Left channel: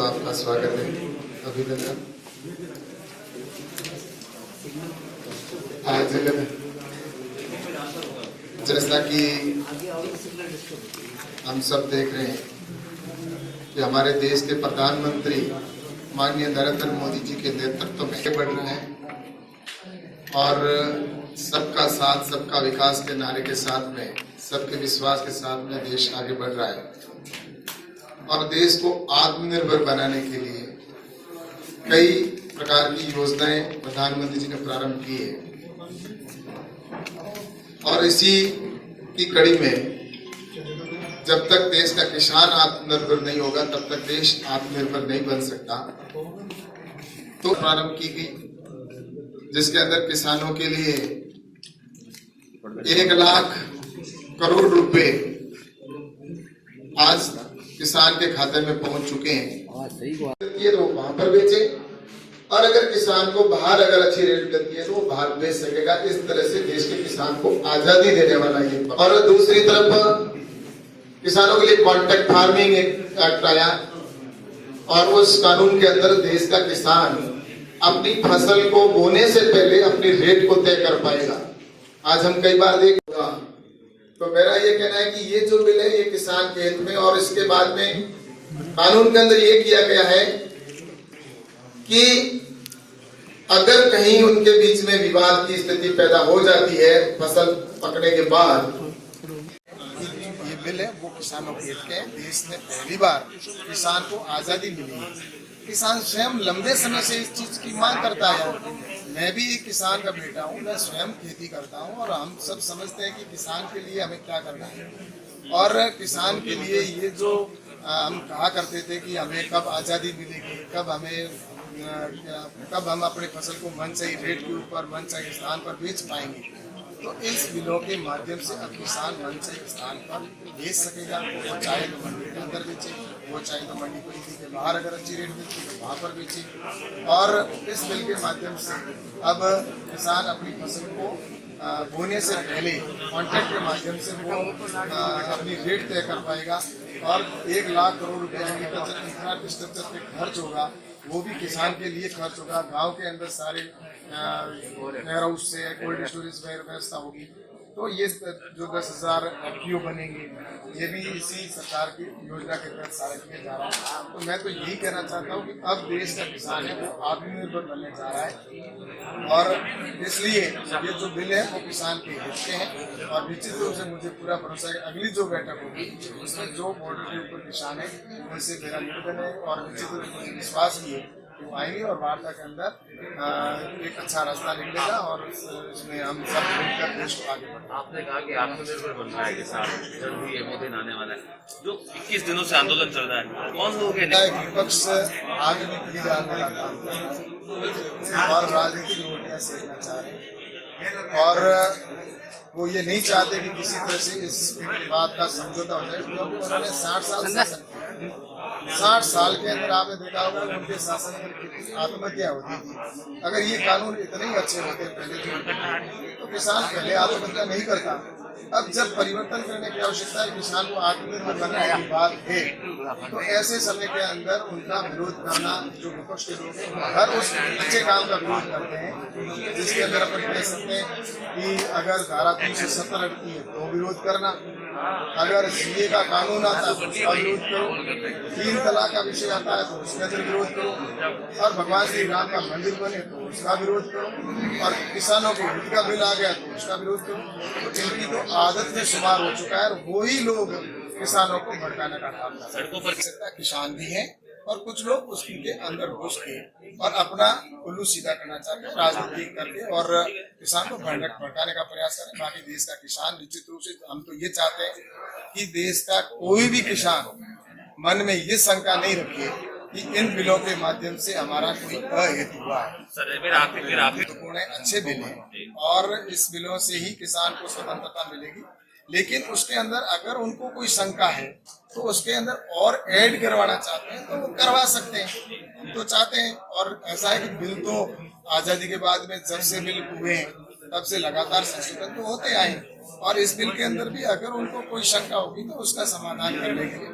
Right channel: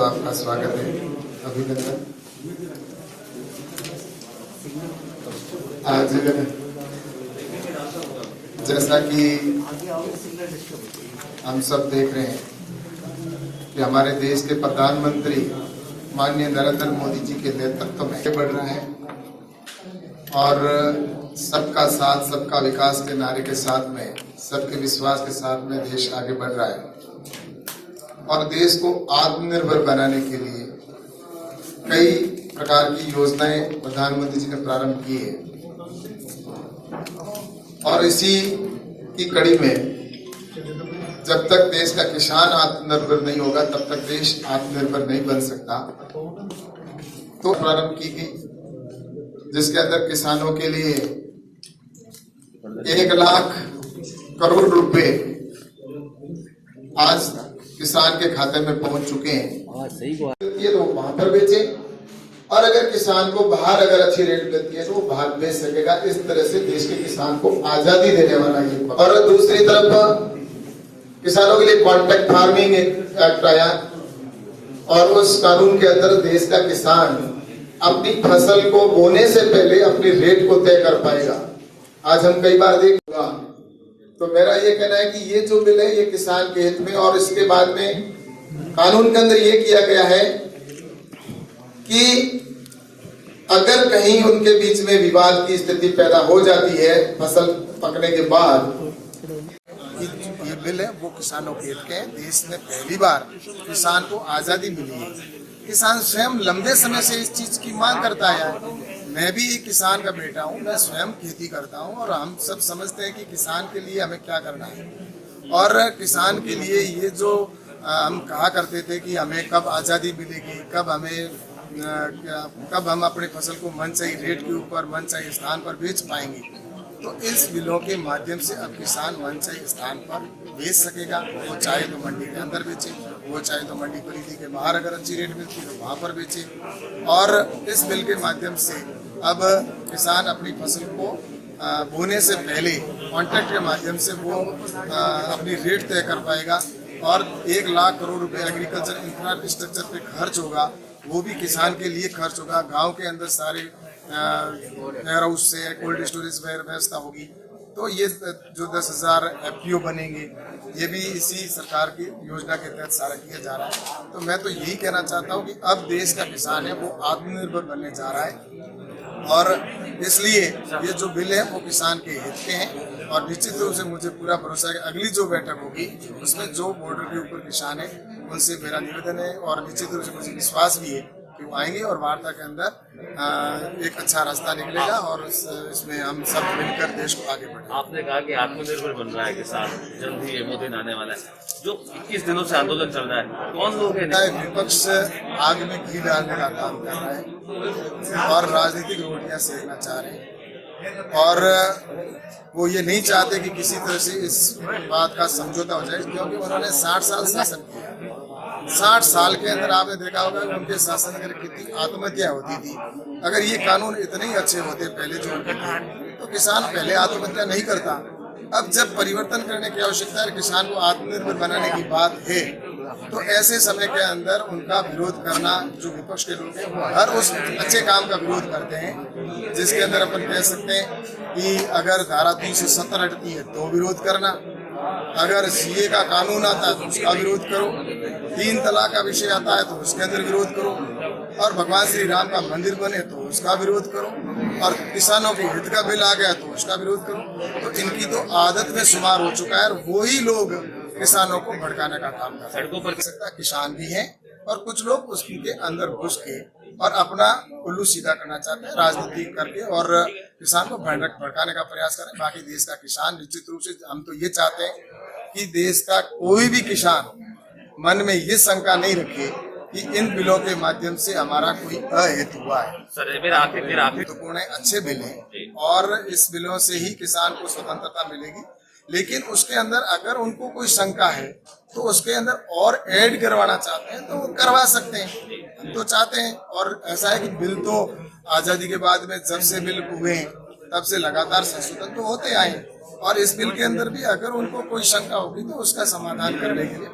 तो आपका स्वागत है, अभिनंदन। आज जैसा कि हम सब देख रहे हैं कि हमारे देश के प्रधानमंत्री माननीय नरेंद्र मोदी जी के नेतृत्व में आगे बढ़ रहे हैं और सबका साथ सबका विकास के नारे के साथ में, सबके विश्वास के साथ में देश आगे बढ़ रहा है और देश को आत्मनिर्भर बनाने के लिए कई प्रकार की योजनाएं प्रधानमंत्री जी ने प्रारंभ की है और इसी की कड़ी में जब तक देश का किसान आत्मनिर्भर नहीं होगा तब तक देश आत्मनिर्भर नहीं बन सकता। तो प्रारंभ की गई जिसके अंदर किसानों के लिए 1 लाख करोड़ रुपए आज किसान के खाते में पहुंच चुके हैं। ये तो वहां पर बेचे और अगर किसान को बाहर अगर अच्छी रेट मिलती है तो वो बाहर बेच सकेगा। इस तरह से देश के किसान को आजादी देने वाला ये। और दूसरी तरफ किसानों के लिए कॉन्ट्रैक्ट फार्मिंग एक्ट आया और उस कानून के अंदर देश का किसान अपनी फसल को बोने से पहले अपनी रेट को तय कर पाएगा। आज हम कई बार देखा तो मेरा ये कहना है कि ये जो बिल है ये किसान के हित में। और इसके बाद में कानून के अंदर ये किया गया है कि अगर कहीं उनके बीच में विवाद की स्थिति पैदा हो जाती है फसल पकने के बाद, ये बिल है वो किसानों के हित के हैं। देश में पहली बार किसान को आजादी मिली है। किसान स्वयं लंबे समय से इस चीज की मांग करता है। मैं भी एक किसान का बेटा हूँ, मैं स्वयं खेती करता हूँ और हम सब समझते हैं कि किसान के लिए हमें क्या करना है। और किसान के लिए ये जो हम कहा करते थे कि हमें कब आजादी मिलेगी, कब हम अपनी फसल को मनचाही रेट के ऊपर मनचाही स्थान पर बेच पाएंगे, तो इस बिलों के माध्यम से अब किसान मनचाही स्थान पर बेच सकेगा। वो चाहे तो मंडी के अंदर बेचे, वो चाहे तो मंडी परिधि के बाहर अगर अच्छी रेट मिलती है तो वहां पर बेचे। और इस बिल के माध्यम से अब किसान अपनी फसल को बोने से पहले कॉन्ट्रैक्ट के माध्यम से वो अपनी रेट तय कर पाएगा और 1 लाख करोड़ रुपए एग्रीकल्चर इंफ्रास्ट्रक्चर पे खर्च होगा, वो भी किसान के लिए खर्च होगा। गांव के अंदर सारे वेयर हाउस से कोल्ड स्टोरेज व्यवस्था होगी। तो ये जो 10,000 FPO बनेंगे ये भी इसी सरकार की योजना के तहत सारा किया जा रहा है। तो मैं तो यही कहना चाहता हूँ कि अब देश का किसान है वो आत्मनिर्भर बनने जा रहा है और इसलिए ये जो बिल है वो किसान के हित के हैं। और निश्चित रूप से मुझे पूरा भरोसा है कि अगली जो बैठक होगी उसमें जो बॉर्डर के ऊपर किसान है उनसे मेरा निवेदन है और निश्चित रूप से मुझे विश्वास भी है कि वो आएंगे और वार्ता के अंदर एक अच्छा रास्ता निकलेगा और इसमें हम सब मिलकर देश को आगे बढ़ाएंगे। आपने कहा कि आत्मनिर्भर बन रहा है किसान, जल्द ही वो दिन आने वाला है। जो 21 दिनों से आंदोलन चल रहा है, कौन लोग हैं? विपक्ष आग में घी डालने का काम कर रहा है और राजनीतिक रोटियां सेकना चाह रहे हैं और वो ये नहीं चाहते कि किसी तरह से इस बात का समझौता हो जाए, क्योंकि उन्होंने 60 साल शासन किया। 60 साल के अंदर आपने देखा होगा कि उनके शासन में कितनी आत्महत्या होती थी। अगर ये कानून इतने ही अच्छे होते पहले जो उनके थे तो किसान पहले आत्महत्या नहीं करता। अब जब परिवर्तन करने की आवश्यकता है, किसान को आत्मनिर्भर बनाने की बात है, तो ऐसे समय के अंदर उनका विरोध करना, जो विपक्ष के लोग हैं वो हर उस अच्छे काम का विरोध करते हैं जिसके अंदर अपन कह सकते हैं कि अगर धारा 370 हटती है तो विरोध करना, अगर CA का कानून आता है तो उसका विरोध करो, 3 तलाक का विषय आता है तो उसके अंदर विरोध करो और भगवान श्री राम का मंदिर बने तो उसका विरोध करो और किसानों के हित का बिल आ गया तो उसका विरोध करो। तो इनकी तो आदत में शुमार हो चुका है और वही लोग किसानों को भड़काने का काम कर रहे हैं। किसान भी हैं और कुछ लोग उसके अंदर घुस के और अपना उल्लू सीधा करना चाहते हैं राजनीति करके और किसान को भड़काने का प्रयास करें। बाकी देश का किसान निश्चित रूप से हम तो ये चाहते हैं कि देश का कोई भी किसान मन में ये शंका नहीं रखे कि इन बिलों के माध्यम से हमारा कोई अहित हुआ है। महत्वपूर्ण है, अच्छे बिल हैं और इस बिलों से ही किसान को स्वतंत्रता मिलेगी। लेकिन उसके अंदर अगर उनको कोई शंका है तो उसके अंदर और ऐड करवाना चाहते हैं तो वो करवा सकते हैं। हम तो चाहते हैं और ऐसा है कि बिल तो आजादी के बाद में जब से बिल हुए हैं तब से लगातार संशोधन तो होते आए और इस बिल के अंदर भी अगर उनको कोई शंका होगी तो उसका समाधान करने के लिए